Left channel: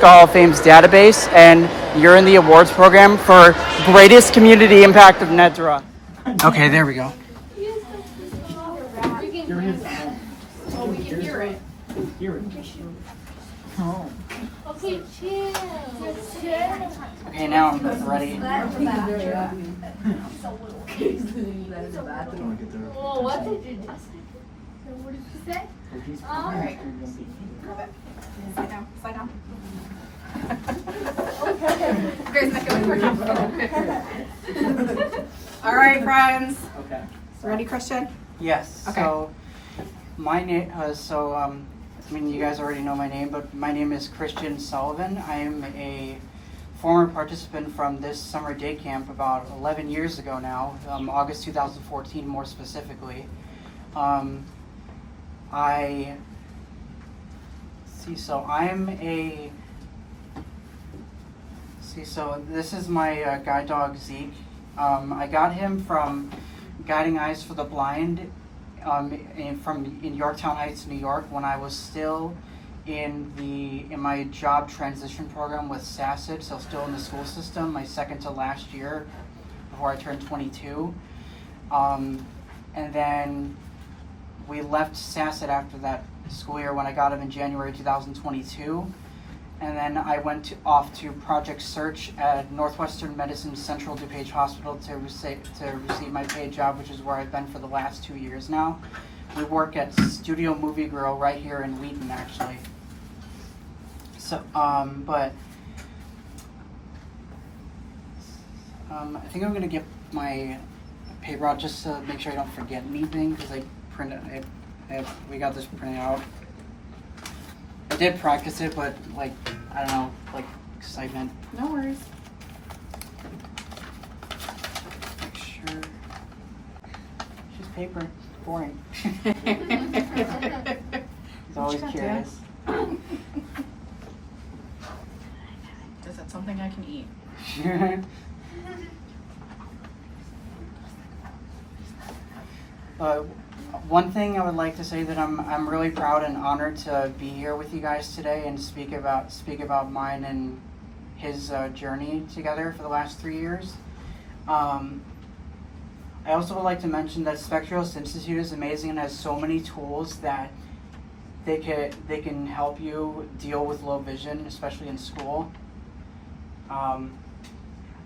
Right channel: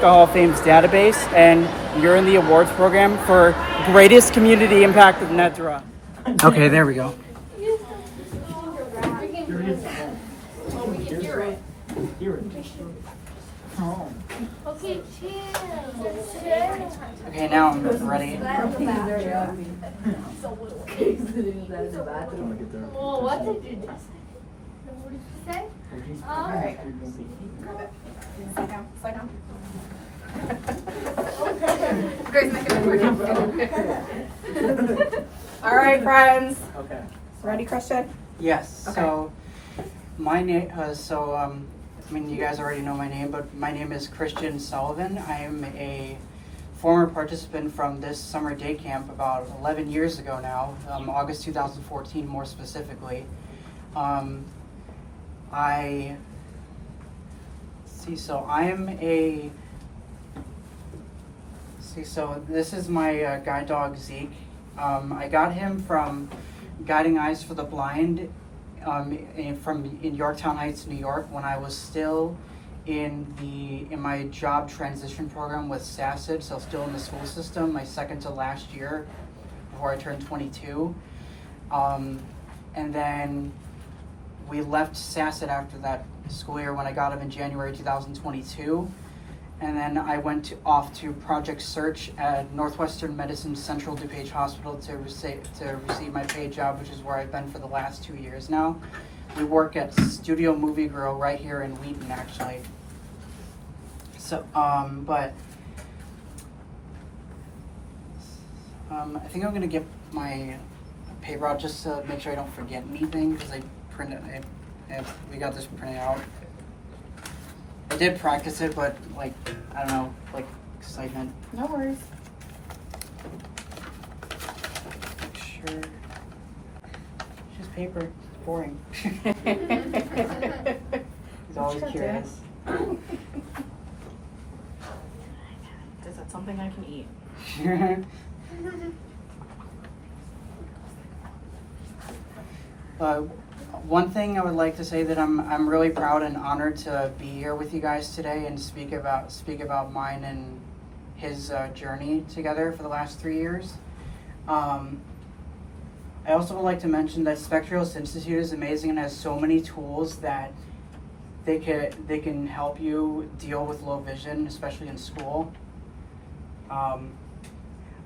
UNESCO Hall of Fame's database, and you're in the awards program for greatest community impact of Nedra. Okay, there we go. Okay, now I'm ready. What did you just say? What did you say? All right. Sit down. Grace, make it all right, friends. Okay. Ready, Christian? Yes. Okay. So my name. I mean, you guys already know my name, but my name is Christian Sullivan. I am a former participant from this summer day camp about 11 years ago now, August 2014 more specifically. So this is my guide dog, Deicke. I got him from Guiding Eyes for the Blind in Yorktown Heights, New York, when I was still in my job transition program with SACID, so still in the school system, my second to last year before I turned 22. And then we left SACID after that school year when I got him in January 2022. And then I went off to Project Search at Northwestern Medicine Central DuPage Hospital to receive my paid job, which is where I've been for the last 2 years now. We work at Studio Movie Girl right here in Wheaton, actually. So, I think I'm gonna get my paper out just to make sure I don't forget anything, because we got this printed out. I did practice it, but I don't know, excitement. No worries. Make sure. It's just paper. Boring. He's always curious. Is that something I can eat? One thing I would like to say that I'm really proud and honored to be here with you guys today and speak about mine and his journey together for the last 3 years. I also would like to mention that Spectrios Institute is amazing and has so many tools that they can help you deal with low vision, especially in school.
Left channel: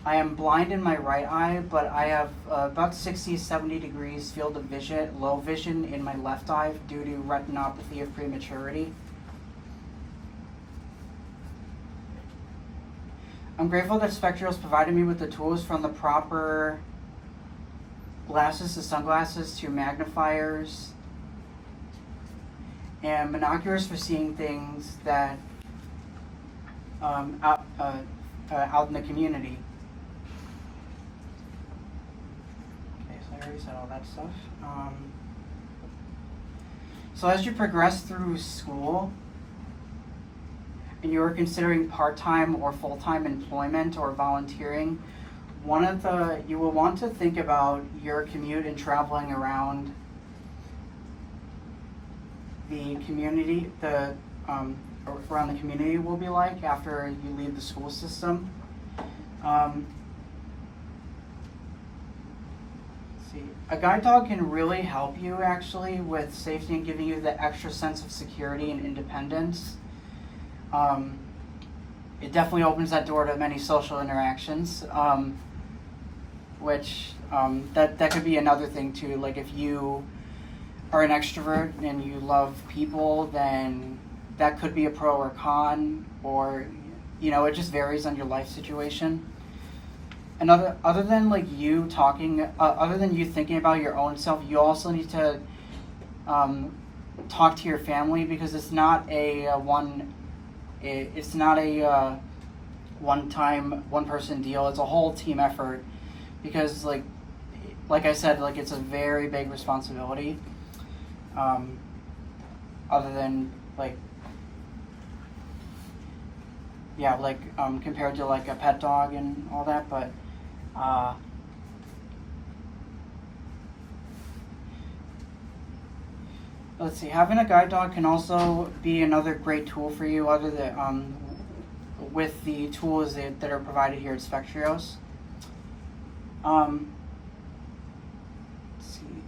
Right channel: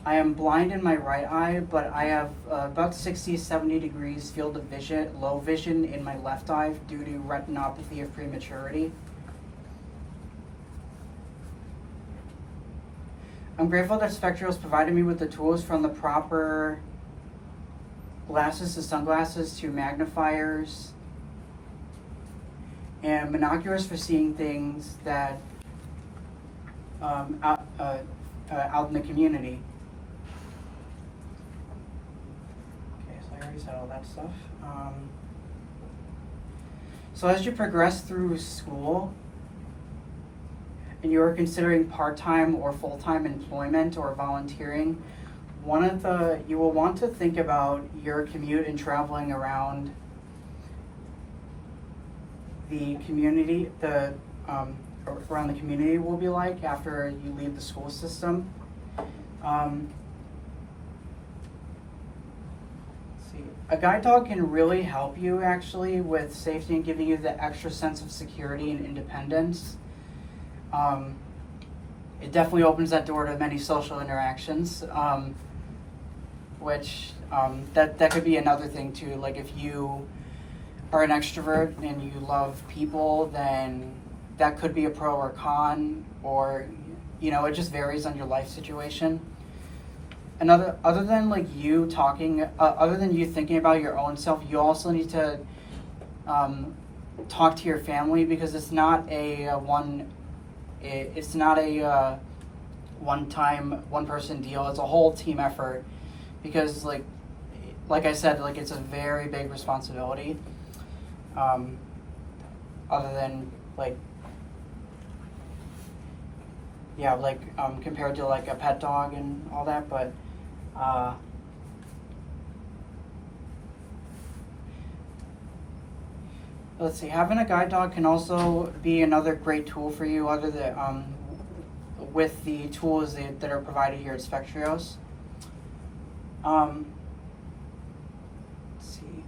I am blind in my right eye, but I have about 60-70 degrees field of vision, low vision in my left eye due to retinopathy of prematurity. I'm grateful that Spectrios provided me with the tools from the proper glasses to sunglasses to magnifiers and binoculars for seeing things that out in the community. Said all that stuff. So as you progress through school and you are considering part-time or full-time employment or volunteering, you will want to think about your commute and traveling around the community, around the community will be like after you leave the school system. A guide dog can really help you actually with safety and giving you the extra sense of security and independence. It definitely opens that door to many social interactions, which that could be another thing too. Like if you are an extrovert and you love people, then that could be a pro or con, or it just varies on your life situation. Other than you talking, other than you thinking about your own self, you also need to talk to your family, because it's not a one-time one-person deal. It's a whole team effort, because like I said, it's a very big responsibility. Other than compared to a pet dog and all that, but let's see. Having a guide dog can also be another great tool for you. with the tools that are provided here at Spectrios. Let's see.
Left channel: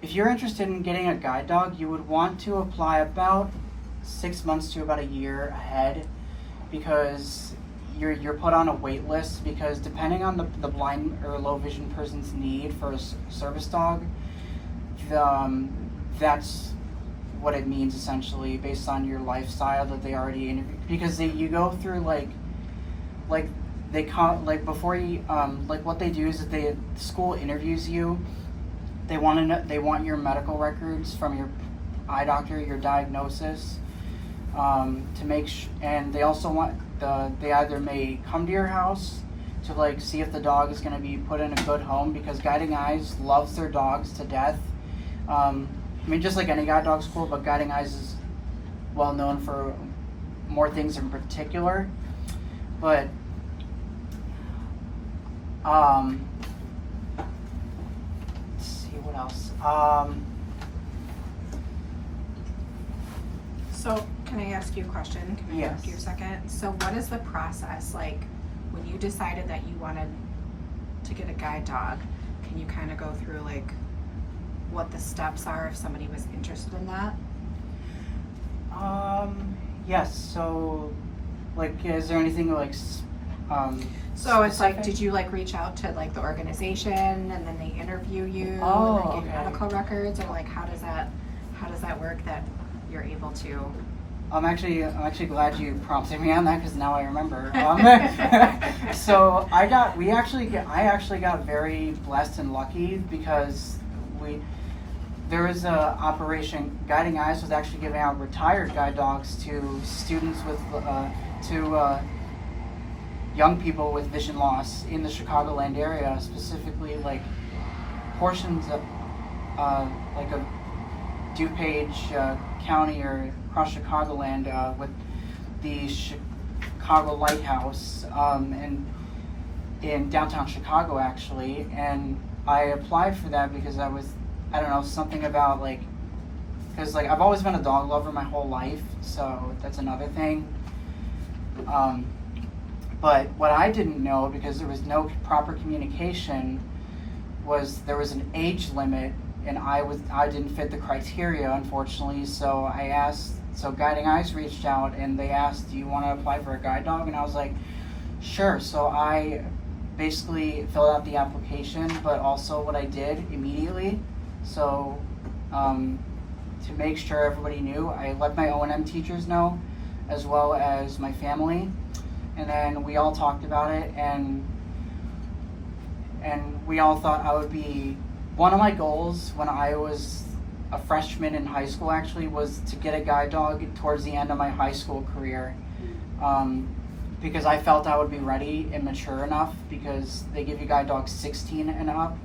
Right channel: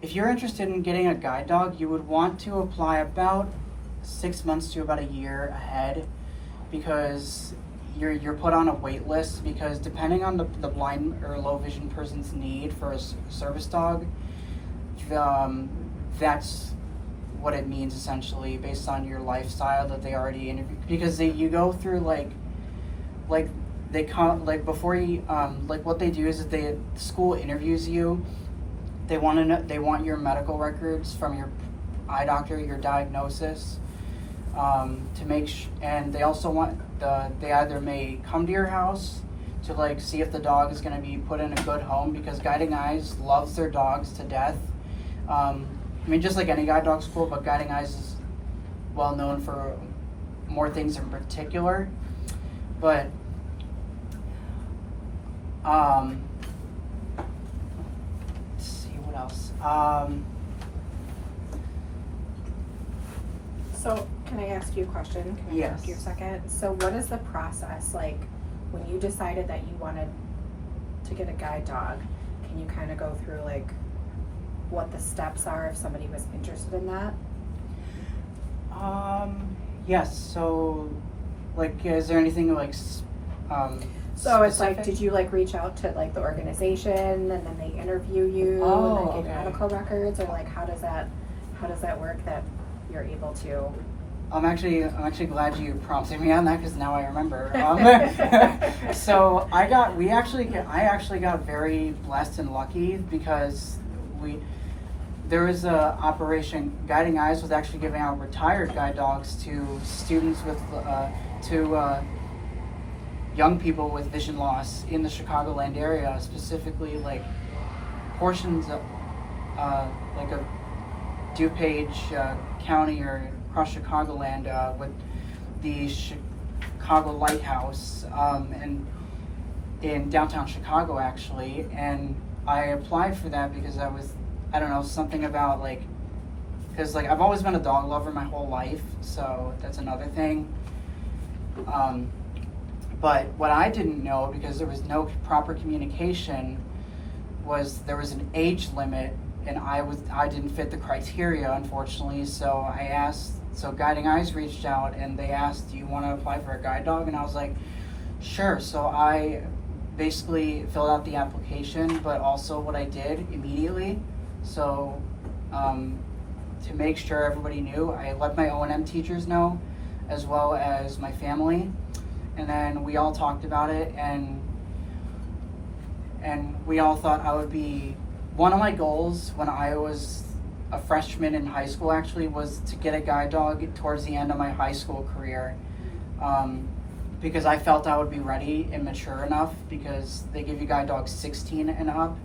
If you're interested in getting a guide dog, you would want to apply about 6 months to about a year ahead, because you're put on a wait list, because depending on the blind or low vision person's need for a service dog, that's what it means essentially, based on your lifestyle that they already interviewed. Because you go through they come before you what they do is that the school interviews you. They want your medical records from your eye doctor, your diagnosis, to make and they also want they either may come to your house to see if the dog is going to be put in a good home, because Guiding Eyes loves their dogs to death. Just like any guide dog school, but Guiding Eyes is well known for more things in particular. But let's see what else. So can I ask you a question? Can I Yes. ask you a second? So what is the process like when you decided that you wanted to get a guide dog? Can you kind of go through what the steps are if somebody was interested in that? Yes. So, is there anything So it's specific? did you reach out to the organization and then they interview you Oh, and then give okay. medical records, or how does that work that you're able to? I'm actually glad you prompted me on that, because now I remember. So I actually got very blessed and lucky, because there is a operation. Guiding Eyes was actually giving out retired guide dogs to students with young people with vision loss in the Chicagoland area, specifically portions of of DuPage County or across Chicagoland, with the Chicago Lighthouse, and in downtown Chicago actually. And I applied for that because I don't know, something about because I've always been a dog lover my whole life, so that's another thing. But what I didn't know, because there was no proper communication, was there was an age limit, and I didn't fit the criteria, unfortunately. So Guiding Eyes reached out and they asked, "Do you want to apply for a guide dog?" And I was like, "Sure." So I basically filled out the application, but also what I did immediately, so to make sure everybody knew, I let my O&M teachers know, as well as my family, and then we all talked about it, and we all thought I would be, one of my goals when I was a freshman in high school actually was to get a guide dog towards the end of my high school career, because I felt I would be ready and mature enough, because they give you guide dogs 16 and up.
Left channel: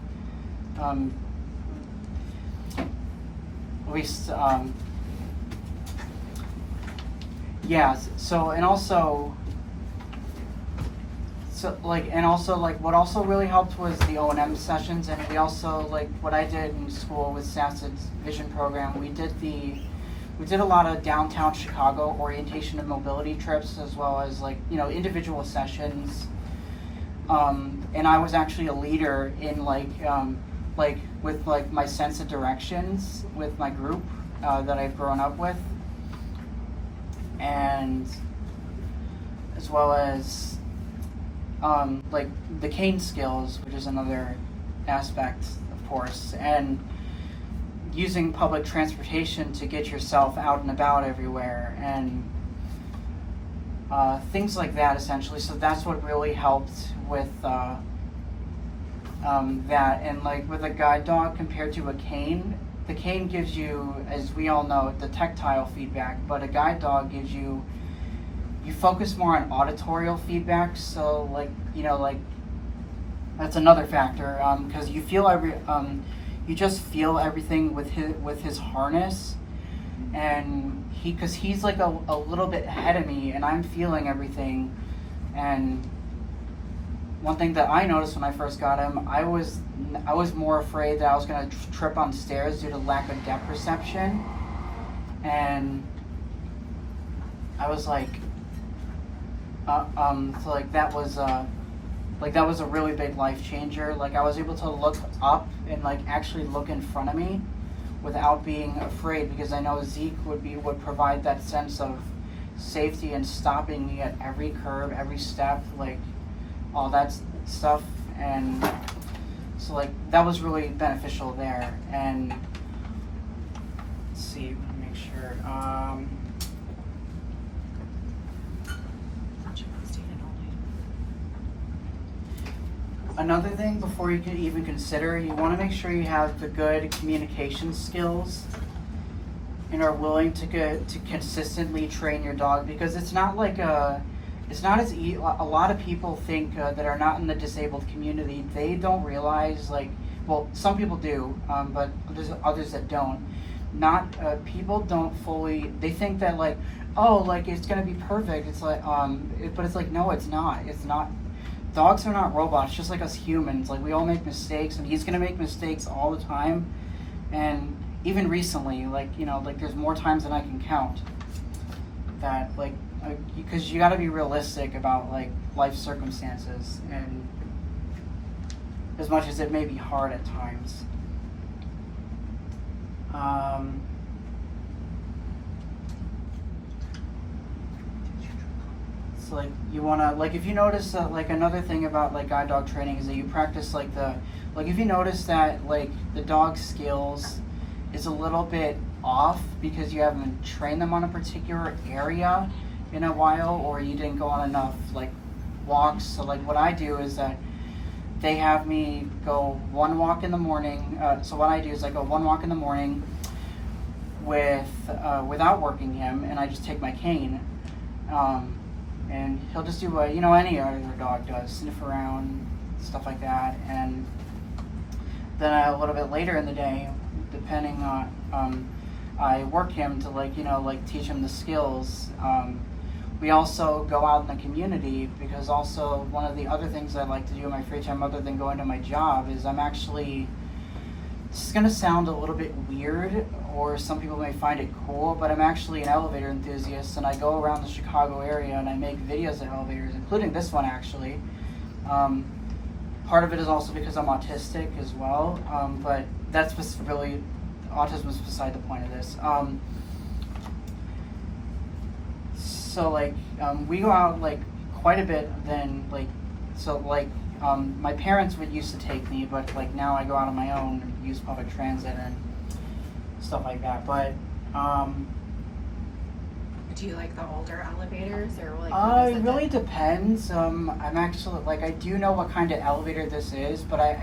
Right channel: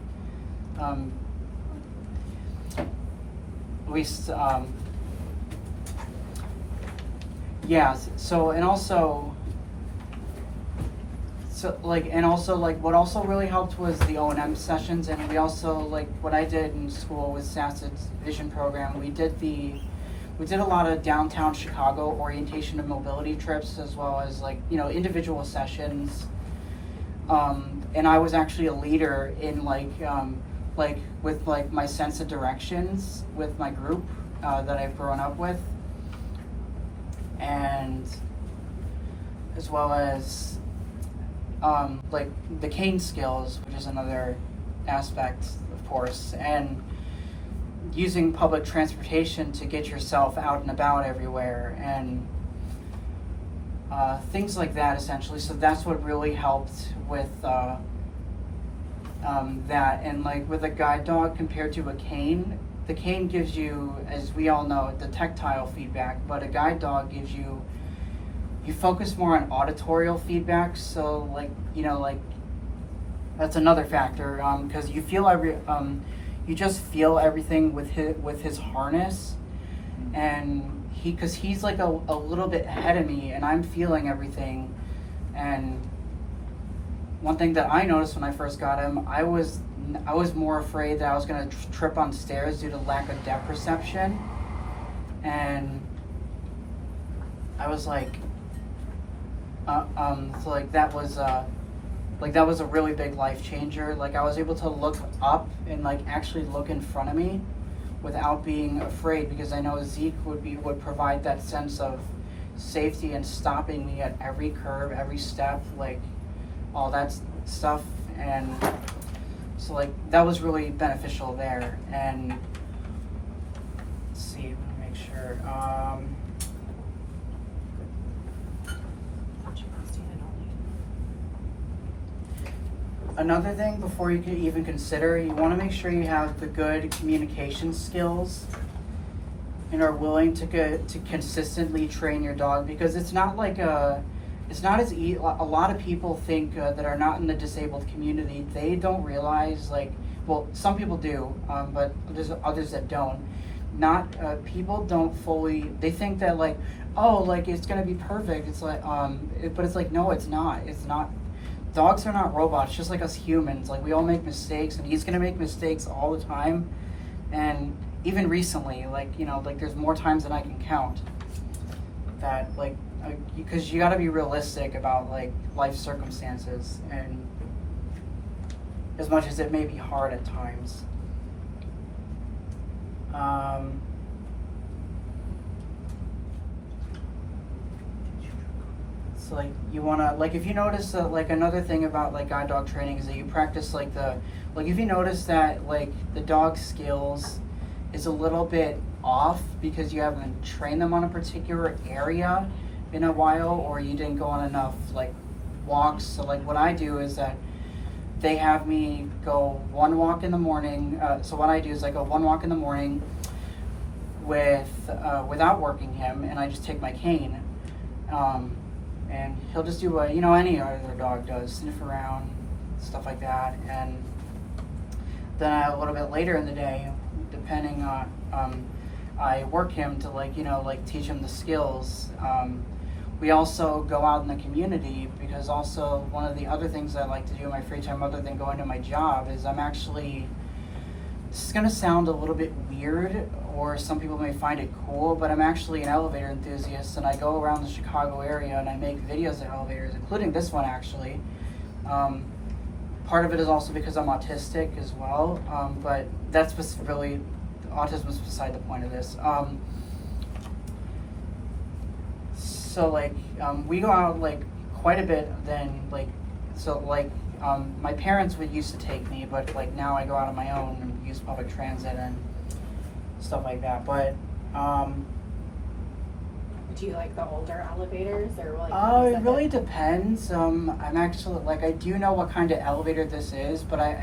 What also really helped was the O&M sessions, and we also, what I did in school with SASS's vision program, we did a lot of downtown Chicago orientation and mobility trips, as well as individual sessions, and I was actually a leader in with my sense of directions with my group that I've grown up with, and as well as the cane skills, which is another aspect, of course, and using public transportation to get yourself out and about everywhere, and things like that, essentially. So that's what really helped with that. And with a guide dog compared to a cane, the cane gives you, as we all know, the tactile feedback, but a guide dog gives you focus more on auditorial feedback. So that's another factor, because you feel you just feel everything with his harness, and because he's a little bit ahead of me, and I'm feeling everything. And one thing that I noticed when I first got him, I was more afraid that I was going to trip on stairs due to lack of depth perception, and I was So like that was a really big life changer. Like I was able to look up and like actually look in front of me without being afraid, because I know Zeke would provide that sense of safety and stopping me at every curve, every step, like all that stuff. And so like that was really beneficial there. And let's see, let me make sure. Another thing before you can even consider, you want to make sure you have the good communication skills and are willing to consistently train your dog, because it's not like it's not as easy. A lot of people think that are not in the disabled community, they don't realize, like, well, some people do, but there's others that don't. People don't fully, they think that like, oh, like it's gonna be perfect. It's like, but it's like, no, it's not. It's not. Dogs are not robots, just like us humans. Like we all make mistakes, and he's gonna make mistakes all the time. And even recently, like, you know, like there's more times than I can count that, like, because you got to be realistic about like life circumstances, and as much as it may be hard at times. So like you wanna, like if you notice that, like another thing about like guide dog training is that you practice like if you notice that like the dog's skills is a little bit off because you haven't trained them on a particular area in a while, or you didn't go on enough like walks. So like what I do is that they have me go one walk in the morning. So what I do is I go one walk in the morning without working him, and I just take my cane. And he'll just do what, you know, any other dog does, sniff around, stuff like that. And then a little bit later in the day, depending on, I work him to like, you know, like teach him the skills. We also go out in the community, because also one of the other things I like to do in my free time other than going to my job is I'm actually, this is going to sound a little bit weird, or some people may find it cool, but I'm actually an elevator enthusiast, and I go around the Chicago area and I make videos of elevators, including this one actually. Part of it is also because I'm autistic as well, but that's what's really, autism is beside the point of this. So like, we go out like quite a bit then, like, so like, my parents would used to take me, but like now I go out on my own and use public transit and stuff like that. But do you like the older elevators, or like it really depends. I'm actually like, I do know what kind of elevator this is, but I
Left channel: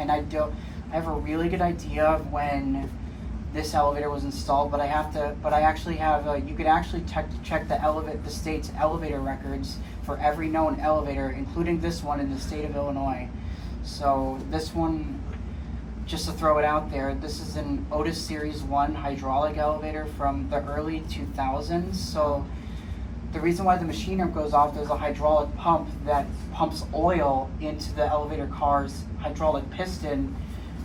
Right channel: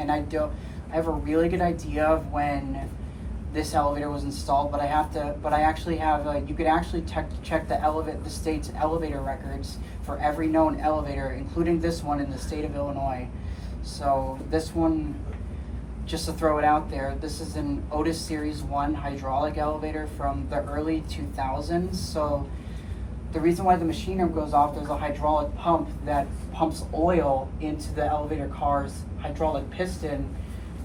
have a really good idea of when this elevator was installed, but I actually have you could actually check the state's elevator records for every known elevator, including this one in the state of Illinois. So this one, just to throw it out there, this is an Otis Series 1 hydraulic elevator from the early 2000s. So the reason why the machine arm goes off, there's a hydraulic pump that pumps oil into the elevator car's hydraulic piston,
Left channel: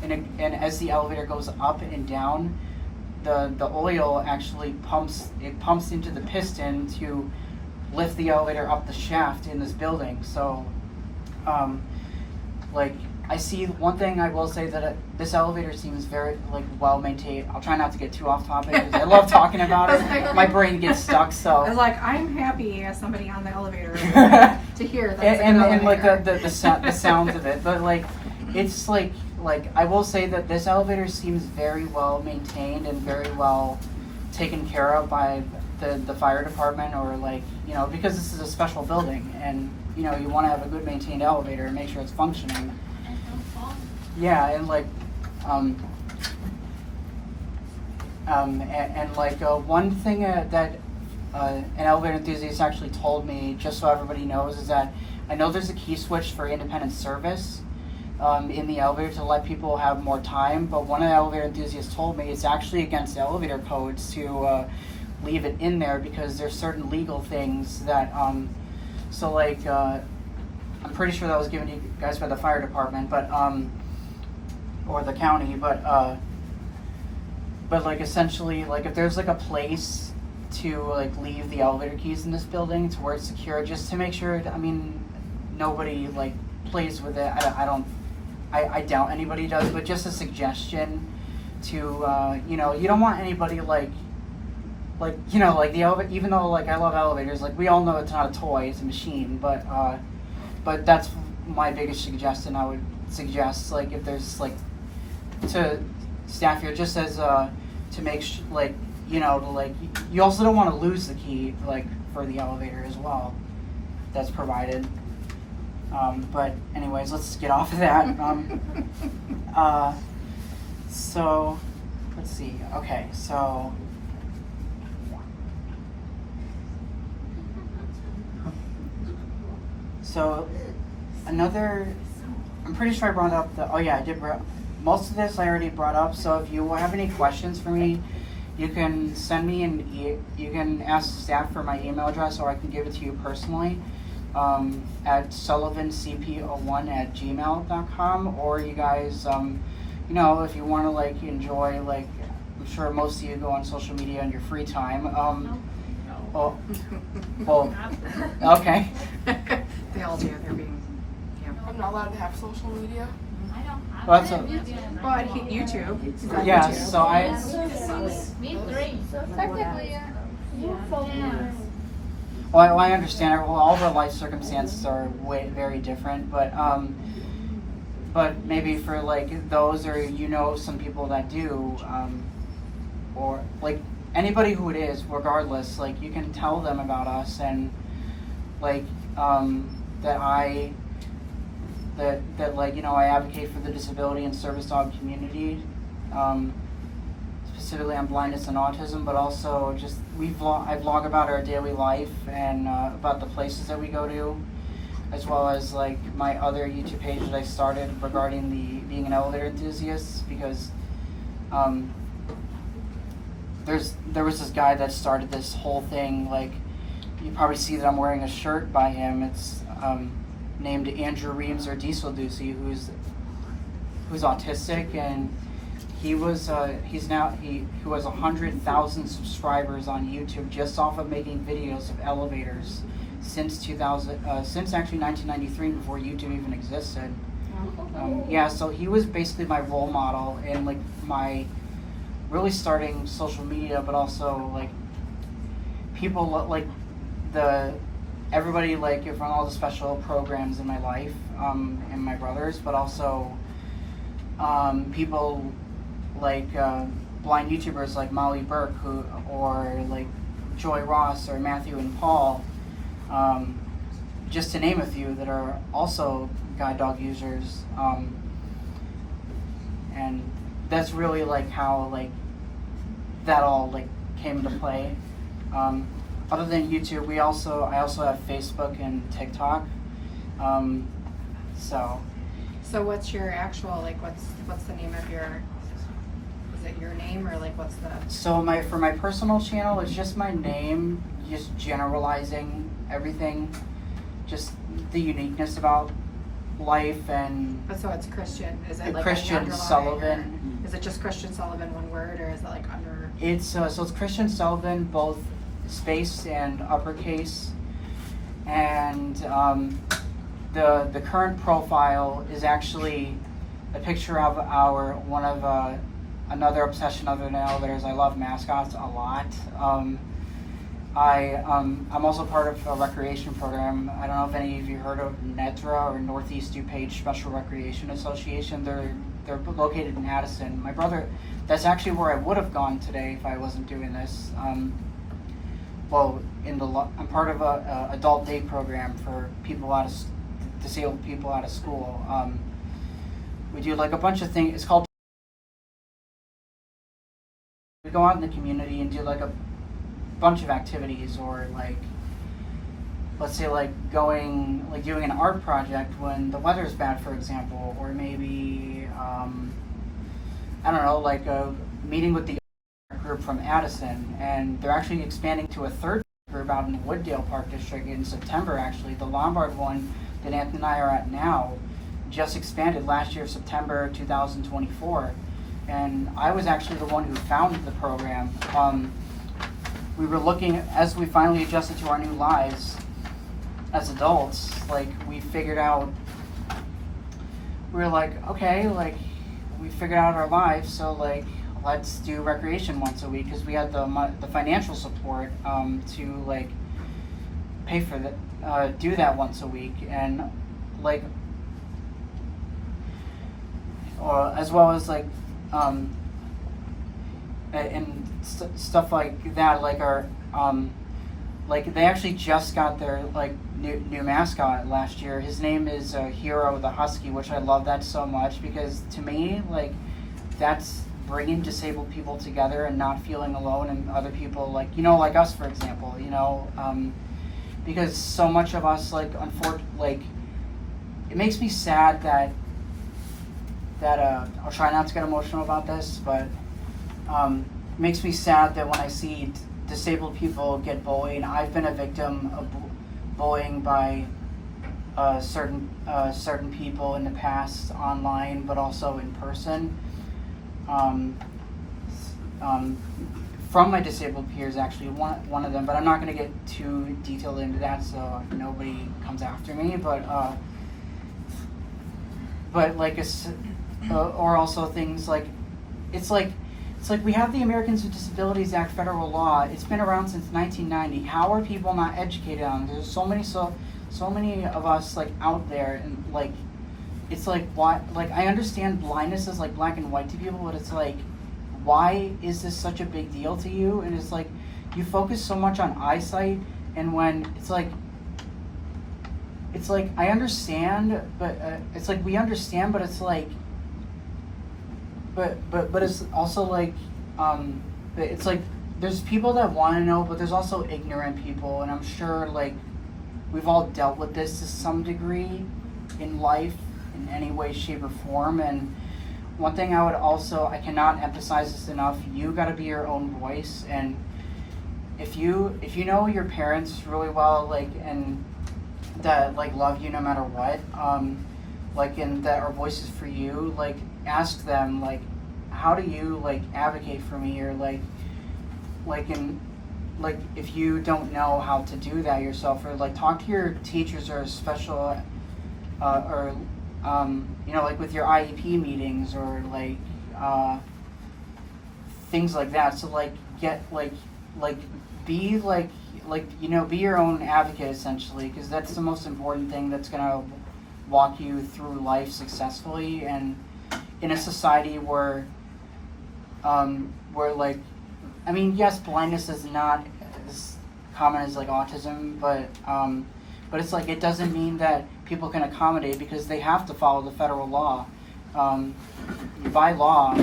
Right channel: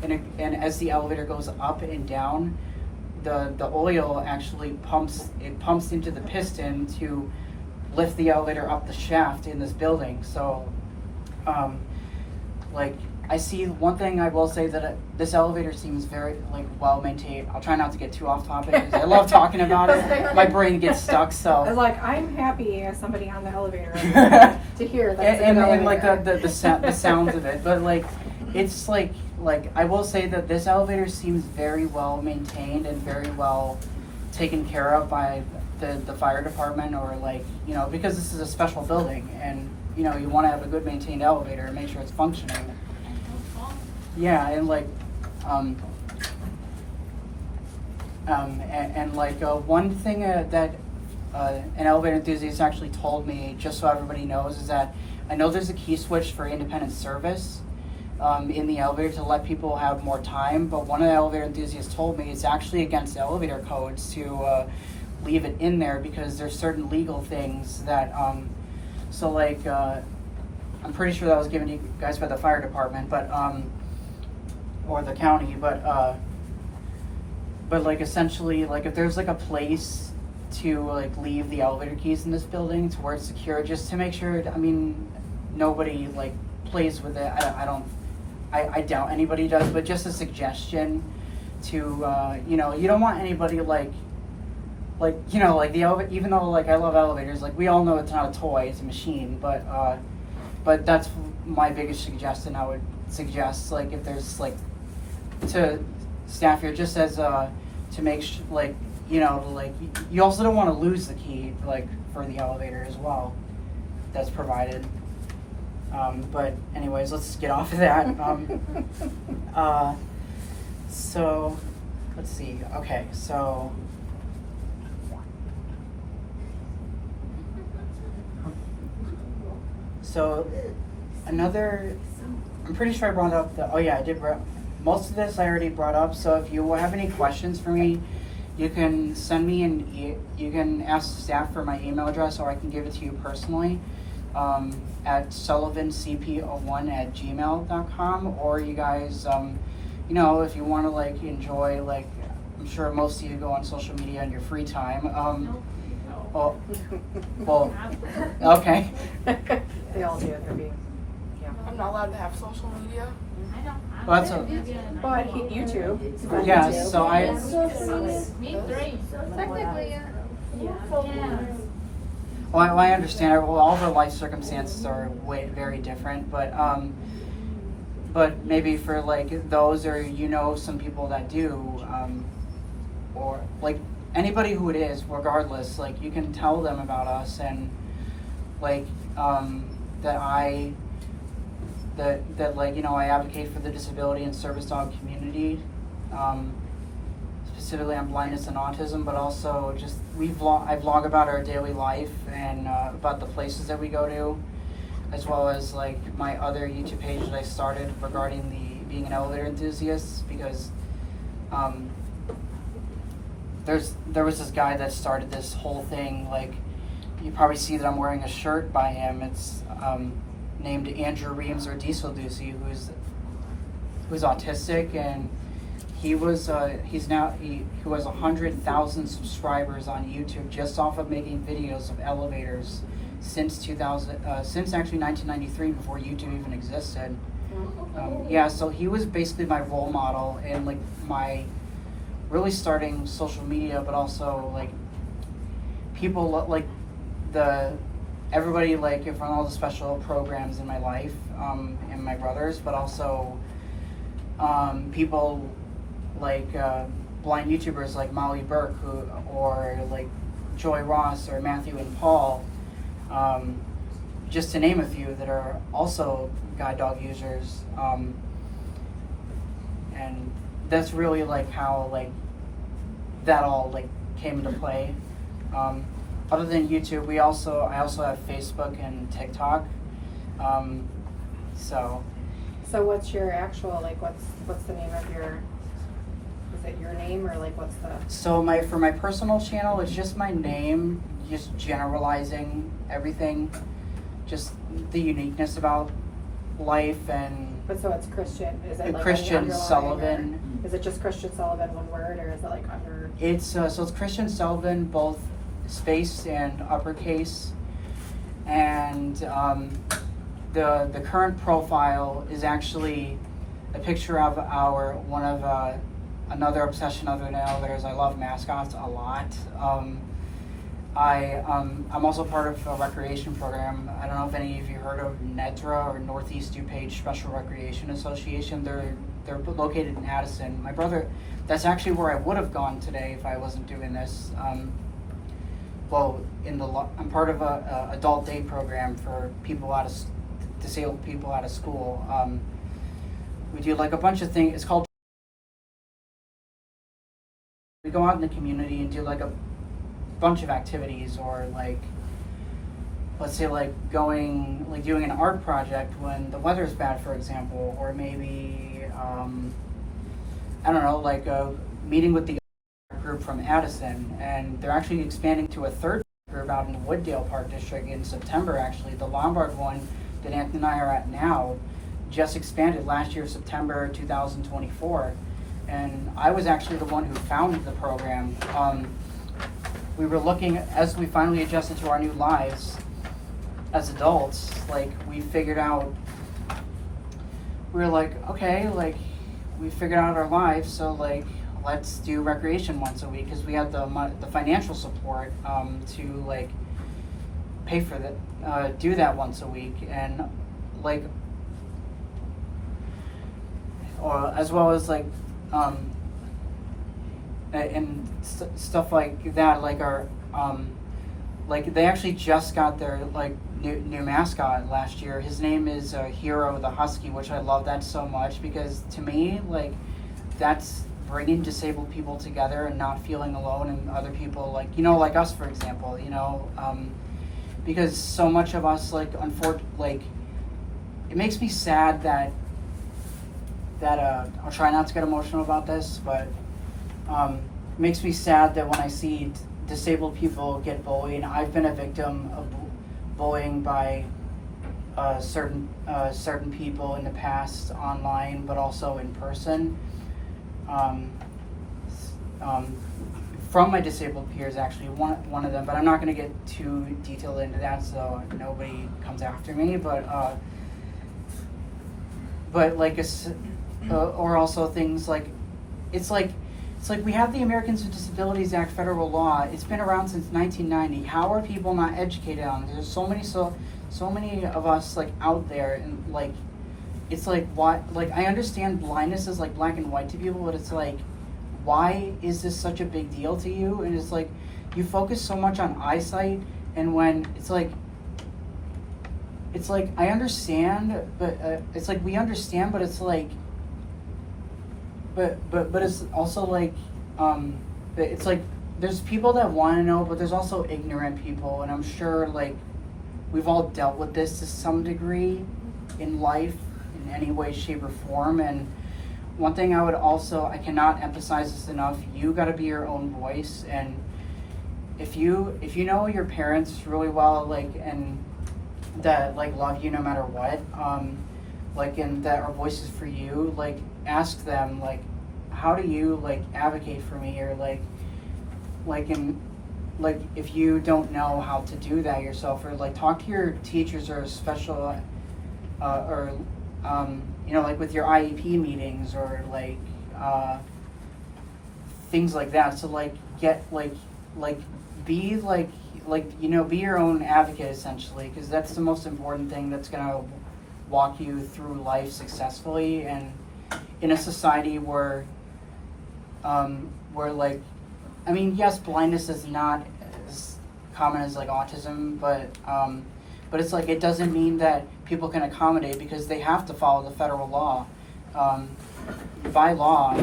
and as the elevator goes up and down, the oil actually pumps into the piston to lift the elevator up the shaft in this building. So like, I see one thing I will say, that this elevator seems very like well maintained. I'll try not to get too off topic because I love talking about it. My brain gets stuck. So I was like, I'm happy as somebody on the elevator to hear that. and like the sounds of it, but like it's like I will say that this elevator seems very well maintained and very well taken care of by the fire department, or like, you know, because this is a special building, and you know, you want to have a good maintained elevator and make sure it's functioning. Yeah, and like, and like one thing that an elevator enthusiast actually told me, just so everybody knows, is that I know there's a key switch for independent service in the elevator to let people have more time, but one of the elevator enthusiasts told me it's actually against elevator codes to leave it in there, because there's certain legal things that, so like, I'm pretty sure that was given to you guys by the fire department, but or the county, but like essentially, like if there's like a place to like leave the elevator keys in this building to where it's secure, just to make sure. I mean, nobody like plays with it. I doubt anybody does, but just a suggestion to you know, you don't want anybody like you know, like the elevator. Even though like I love elevators, like we all know it's not a toy, it's a machine. But that's my biggest suggestion. I would suggest, like, if there's like to staff here, just as to make like, you know, like you also don't want to lose the key like for the elevator as well that's provided. But anyways, let's get off of that. So let's see. Okay, so another, I'm pretty sure I brought up the, oh yeah, I did. Most of this I already brought up. So if you have any questions for me, you can send me you can ask staff for my email address, or I can give it to you personally at sullivancp01@gmail.com. Or you guys, you know, if you want to like enjoy, like I'm sure most of you go on social media in your free time. Well, okay. They all do. They're being, yeah. I'm not allowed to have social media. I don't have Well, that's it. But YouTube. He's on Yeah, YouTube. so I. Me three. Technically, Yeah. Well, I understand. Well, all of our life circumstances are very different, but maybe for like those, or you know, some people that do, or like anybody who it is, regardless, like you can tell them about us, and like that like, you know, I advocate for the disability and service dog community. Specifically on blindness and autism, but also just I vlog about our daily life and about the places that we go to, as well as like my other YouTube page that I started regarding being an elevator enthusiast, because there was this guy that started this whole thing. Like, you probably see that I'm wearing a shirt by him. It's named Andrew Reams or Diesel Ducey, who's autistic, and he has 100,000 subscribers on YouTube just off of making videos of elevators since actually 1993, before YouTube even existed. Yeah, so he was basically my role model and like my really starting social media, but also like people like everybody like from all the special programs in my life, and my brothers, but also people like blind YouTubers like Molly Burke, or like Joy Ross or Matthew and Paul, just to name a few that are also guide dog users, and that's really like how like that all like came into play. Other than YouTube, I also have Facebook and TikTok. So what's your actual, like, what's the name of your, is it your name, or like what's the? So for my personal channel, it's just my name, just generalizing everything, just the uniqueness about life. And But so it's Christian, is it like Christian any underline, Sullivan. or is it just Christian Sullivan, one word, or is it like under? It's so it's Christian Sullivan, both space and uppercase, and the current profile is actually a picture of another obsession other than elevators. I love mascots a lot. I'm also part of a recreation program. I don't know if any of you heard of NEDRA, or Northeast DuPage Special Recreation Association. They're located in Addison. My brother, that's actually where I would have gone today if I wasn't doing this. I'm part of a adult day program for disabled people out of school. We do like a bunch of things. It's called. We go out in the community and do like a bunch of activities, or like, let's say like doing an art project when the weather's bad, for example, or maybe I don't know, like a meeting with the group from Addison, and they're actually expanding to a third group out in the Wooddale Park District in September. Actually, the Lombard one that Anthony and I are at now just expanded last year, September 2024, and I was actually the one who founded the program. we were looking, as we finally adjusted to our new lives as adults, like, we figured out, we were like, okay, like, we figured out our lives, so, like, let's do recreation once a week, because we had the financial support to, like, pay for that, do that once a week, and, like, or as well as, like, and stuff like that, like our, like they actually just got their like new mascot last year. His name is Hero the Husky, which I love that so much, because to me, like, that's bringing disabled people together and not feeling alone, and other people, like, you know, like us, for example, you know, because so much of us, like, like, it makes me sad that I'll try not to get emotional about this, but it makes me sad that when I see disabled people get bullied. I've been a victim of bullying by certain people in the past, online, but also in person. From my disabled peers, actually, one of them, but I'm not going to get too detailed into that, so nobody comes after me. But like or also things like, it's like we have the Americans with Disabilities Act, federal law. It's been around since 1990. How are people not educated on it? There's so many of us, like, out there, and like, it's like, why? Like, I understand blindness is like black and white to people, but it's like, why is this such a big deal to you? And it's like, you focus so much on eyesight, and when it's like I understand, but it's like we understand, but it's like. But it's also like, it's like there's people that want to know, but there's also ignorant people, and I'm sure, like, we've all dealt with this to some degree in life in any way, shape, or form. And one thing I cannot emphasize this enough: you got to be your own voice, and if you know your parents really well, like, and that, like, love you no matter what, like, and that are voices for you, like, ask them, like, how do you, like, advocate for me, or like if you don't know how to do that yourself, or like talk to your teachers or special or you know, like with your IEP meetings, or like things like that. So like get be you know, be your own advocate, essentially, because that's the most important thing that's gonna walk you through life successfully, and in a society where like, I mean, yes, blindness is not as common as like autism, but it's like, it doesn't mean that people can accommodate, because they have to follow the federal law. By law,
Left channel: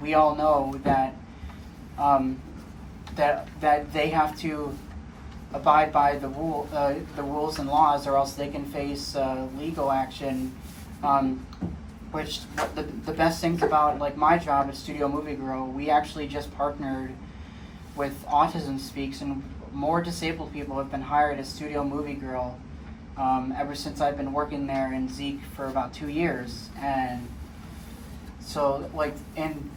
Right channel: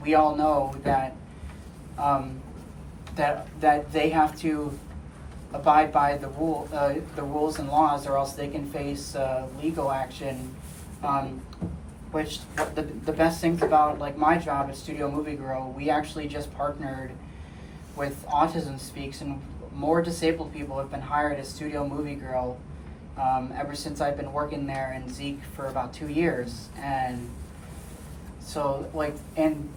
we all know that that they have to abide by the rules and laws, or else they can face legal action. Which the best things about, like, my job at Studio Movie Girl, we actually just partnered with Autism Speaks, and more disabled people have been hired as Studio Movie Girl ever since I've been working there in Deicke for about 2 years. And so, like, and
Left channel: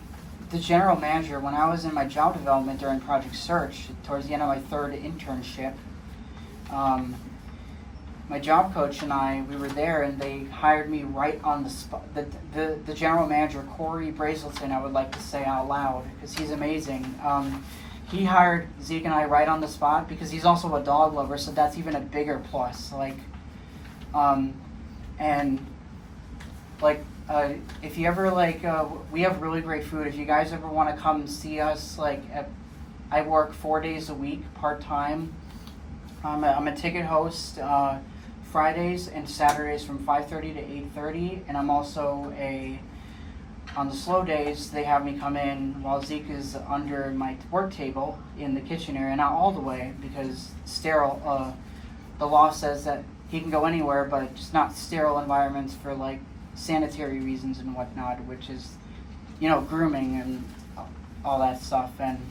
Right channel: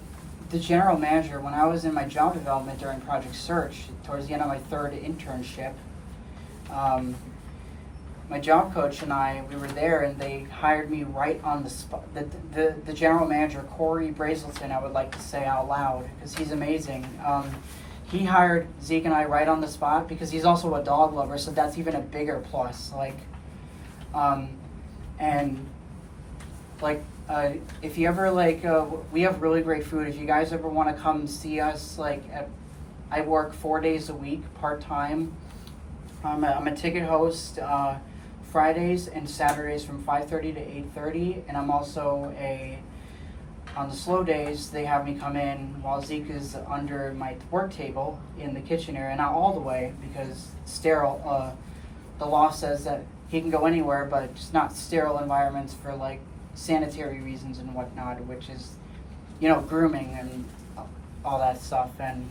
the general manager, when I was in my job development during Project Search, towards the end of my 3rd internship, my job coach and I, we were there, and they hired me right on the spot. The general manager, Corey Brazelton, I would like to say out loud, because he's amazing. He hired Zeke and I right on the spot, because he's also a dog lover, so that's even a bigger plus. Like, and like, if you ever, like, we have really great food. If you guys ever want to come see us, like, I work 4 days a week, part-time. I'm a ticket host, Fridays and Saturdays from 5:30 to 8:30, and I'm also on the slow days, they have me come in while Zeke is under my work table in the kitchen area, not all the way, because sterile, the law says that he can go anywhere, but just not sterile environments for, like, sanitary reasons and whatnot, which is, you know, grooming and all that stuff. And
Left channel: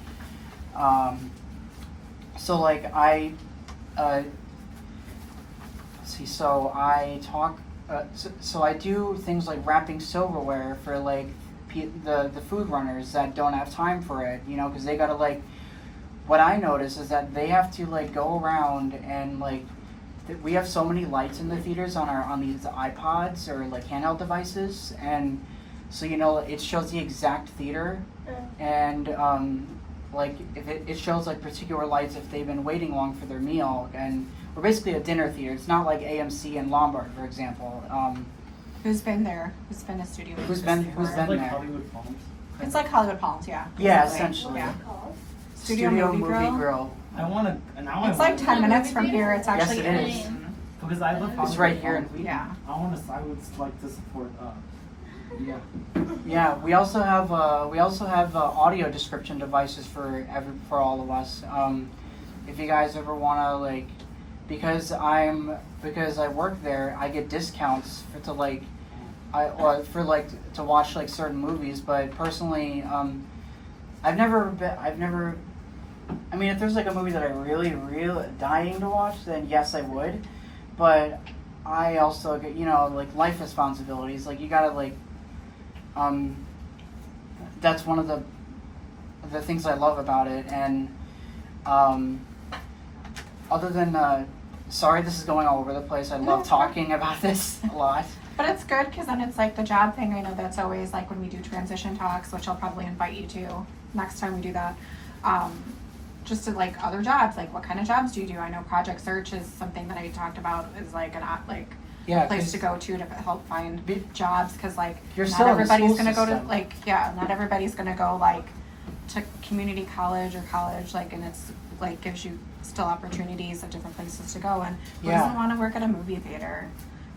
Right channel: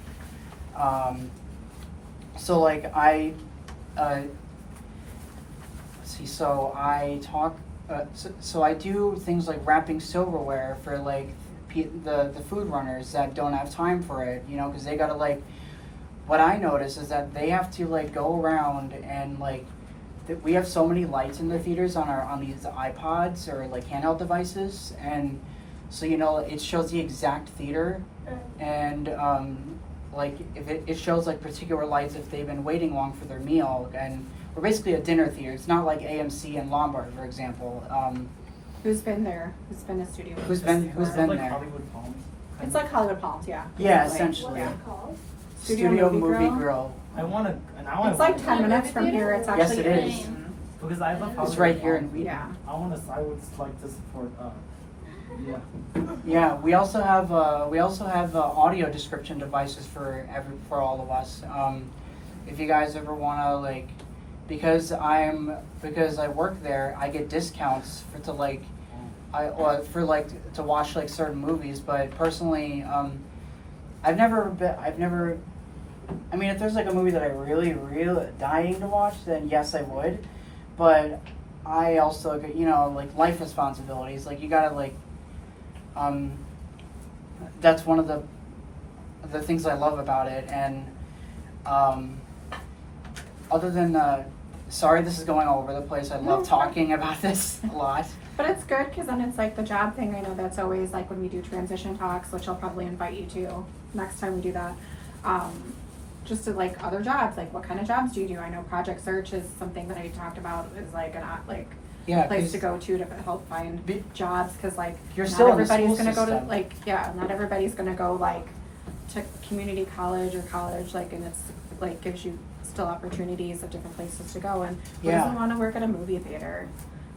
so, like, so I talk, so I do things like wrapping silverware for, like, the food runners that don't have time for it, you know, because they gotta, like, what I notice is that they have to like go around and like we have so many lights in the theaters on these iPods or like handheld devices, and so it shows the exact theater, and like if it shows like particular lights if they've been waiting long for their meal, and we're basically a dinner theater. It's not like AMC and Lombard, for example. Who's been there? Who's been a studio? Who's been Like there? Hollywood Palms. It's like Hollywood Palms, yeah. Yeah, Basically. essentially. What's it called? Studio Movie Grill. I want to, and now It's like 10 Movie minutes from theater? here. It's Yes, actually it in- is. because I love Hollywood It's right here in Palms. Wheaton. Yeah. I would like to support. Yeah. Yeah, we also have audio description devices for all of us. If you guys ever want to like, because I work there, I get discounts to watch like certain movies. But personally, I mean, if there's like a movie that I really dying to watch, then yes, I would. But I also get like life responsibilities. Like you gotta like. That's one of the things I love about it, and other than sorry, this is going all over the place. I love talking about this a lot. But it's good because then it's like the job thing. I know that's always like when we do transition talks, which I'll probably invite you to next time we do that. Just to like other jobs, like what kind of jobs do you do? I know project search is something that I talked about is like an place 'cause to go to help find jobs because like you're not still in the everybody's school gonna go to system. not everybody's gonna go like to community college or college like, and it's like gives you still opportunities of different places to go. And who Yeah. doesn't want to work at a movie theater?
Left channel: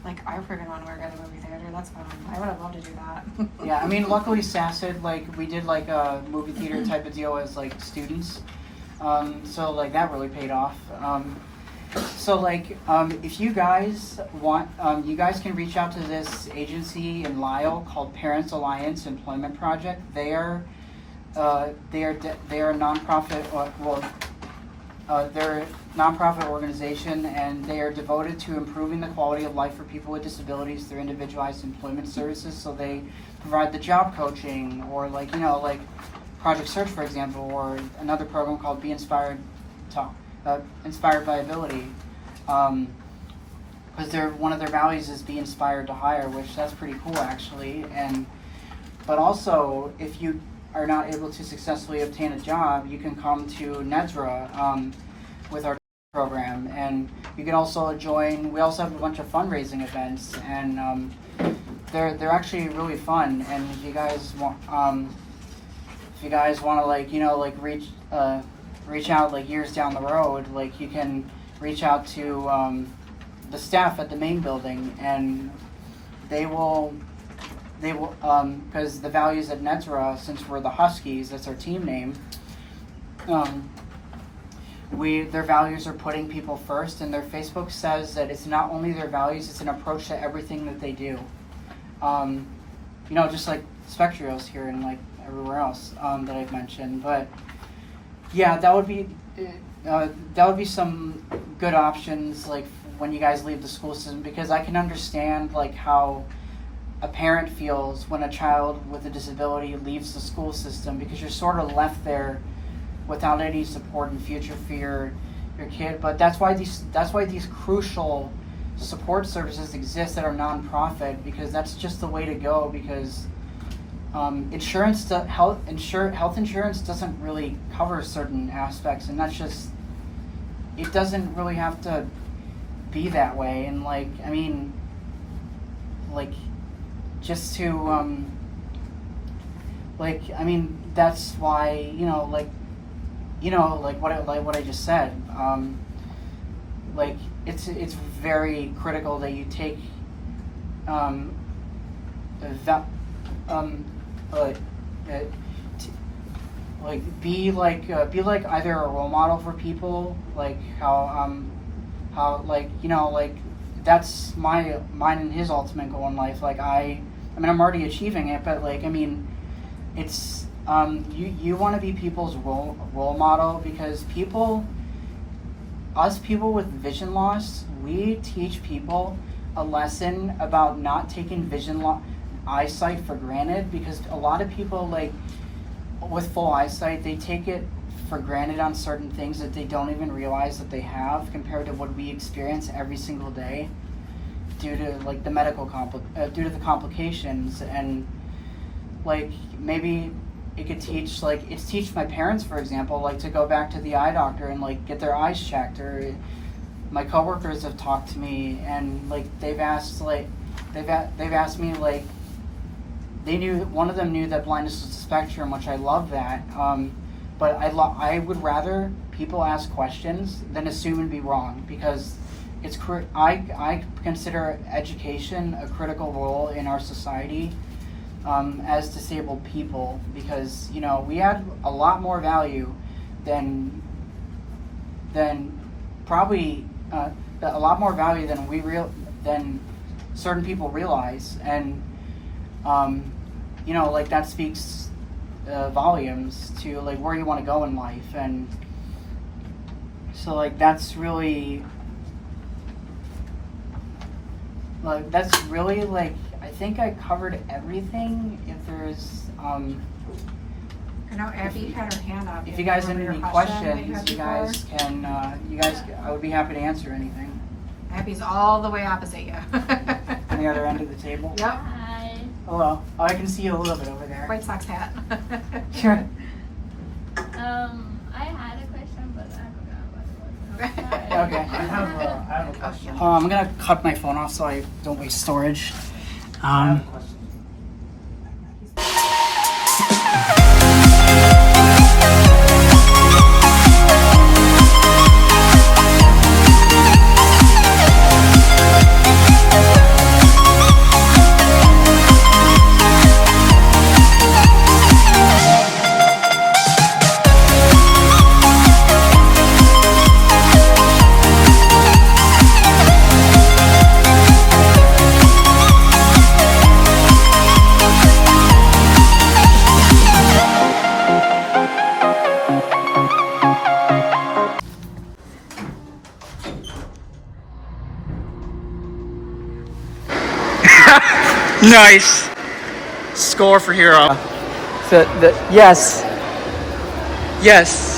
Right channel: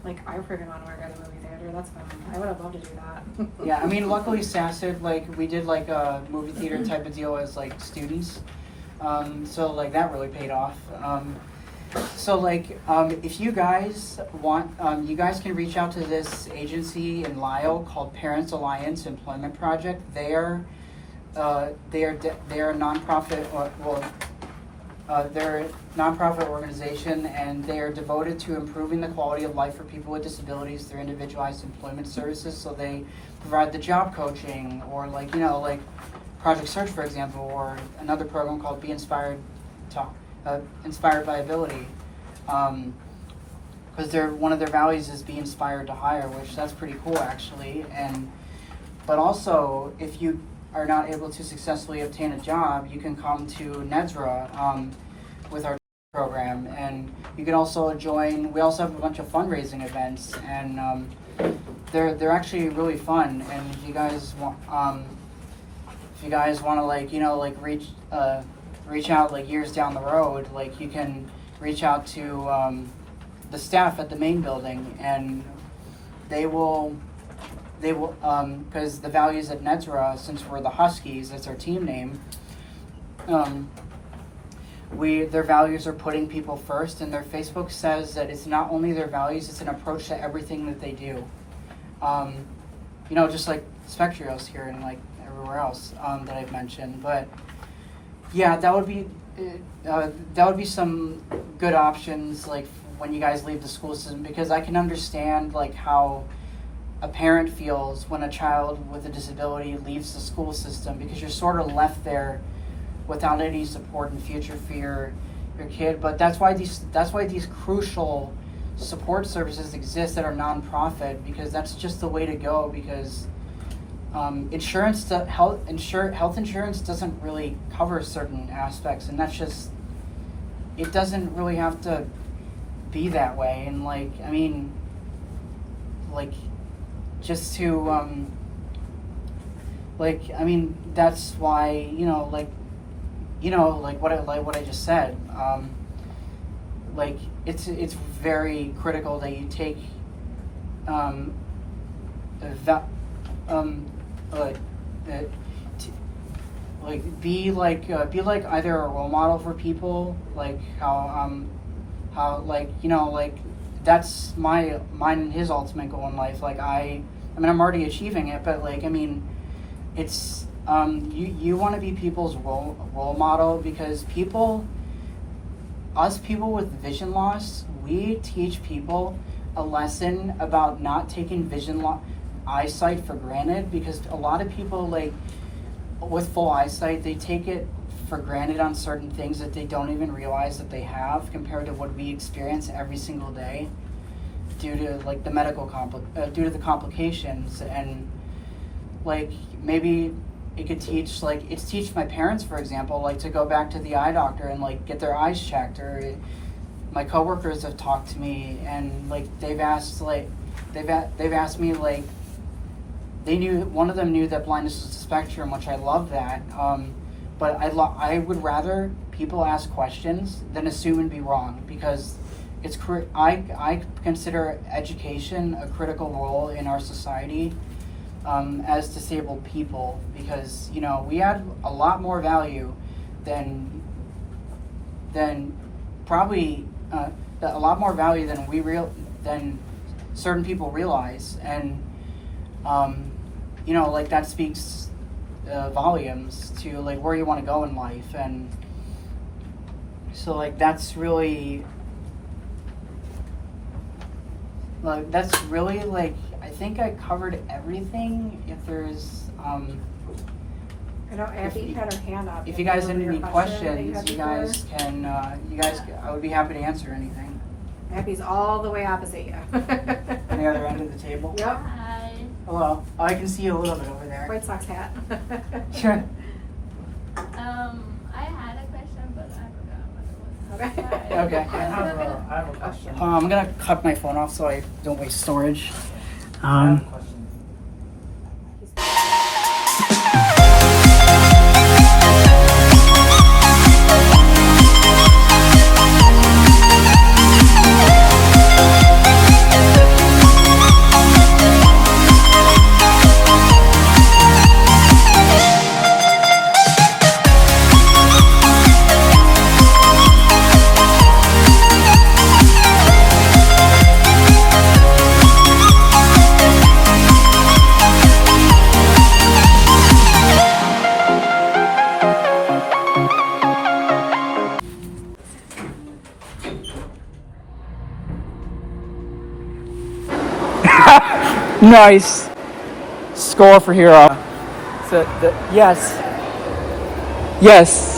Like I freaking want to work at a movie theater. That's fun. I would have loved to do that. Yeah, I mean, luckily SACID, like we did like a movie theater type of deal as like students, so like that really paid off. So like if you guys want, you guys can reach out to this agency in Lisle called Parents Alliance Employment Project. They are a nonprofit they're a nonprofit organization, and they are devoted to improving the quality of life for people with disabilities through individualized employment services. So they provide the job coaching, or like Project Search, for example, or another program called Be Inspired Inspired by Ability, because one of their values is be inspired to hire, which that's pretty cool actually. But also, if you are not able to successfully obtain a job, you can come to NEDSRA with our program, and you can also join. We also have a bunch of fundraising events, and they're actually really fun. And if you guys want to reach out like years down the road, like you can reach out to the staff at the main building, and they will because the values at NEDSRA, since we're the Huskies, that's our team name, their values are putting people first, and their Facebook says that it's not only their values, it's an approach to everything that they do. Just like Spectrios here and like everywhere else that I've mentioned. But yeah, that would be some good options like when you guys leave the school system, because I can understand like how a parent feels when a child with a disability leaves the school system, because you're sort of left there without any support in future for your kid. But that's why these crucial support services exist that are nonprofit, because that's just the way to go. Because health insurance doesn't really cover certain aspects, and that's just, it doesn't really have to be that way. And like, I mean, like, just to that's why what I just said, like it's very critical that you take be like either a role model for people, like how that's mine and his ultimate goal in life. Like I'm already achieving it, but like, I mean, it's, you want to be people's role model, because people with vision loss, we teach people a lesson about not taking eyesight for granted, because a lot of people like with full eyesight, they take it for granted on certain things that they don't even realize that they have compared to what we experience every single day due to like the due to the complications. And like maybe it could teach my parents, for example, like to go back to the eye doctor and like get their eyes checked. Or my coworkers have talked to me and like they've asked me like one of them knew that blindness was a spectrum, which I love that. But I would rather people ask questions than assume and be wrong, because I consider education a critical role in our society as disabled people, because we add a lot more value than probably a lot more value than certain people realize. And like that speaks volumes to like where you want to go in life. And so like that's really like I think I covered everything. If there's I know Abby had her hand up. if you guys have any questions, that you guys can I would be happy to answer anything. Abby's all the way opposite you. On the other end of the table. Yep. Hi. Hello. Oh, I can see you a little bit over there. White Sox hat. Sure. I had a question, but I forgot what it was. Okay. Sorry. Okay. I have a question. I'm gonna cut my phone off so I don't waste storage. I have a question. Nice. Score for Hero. Yes. Yes.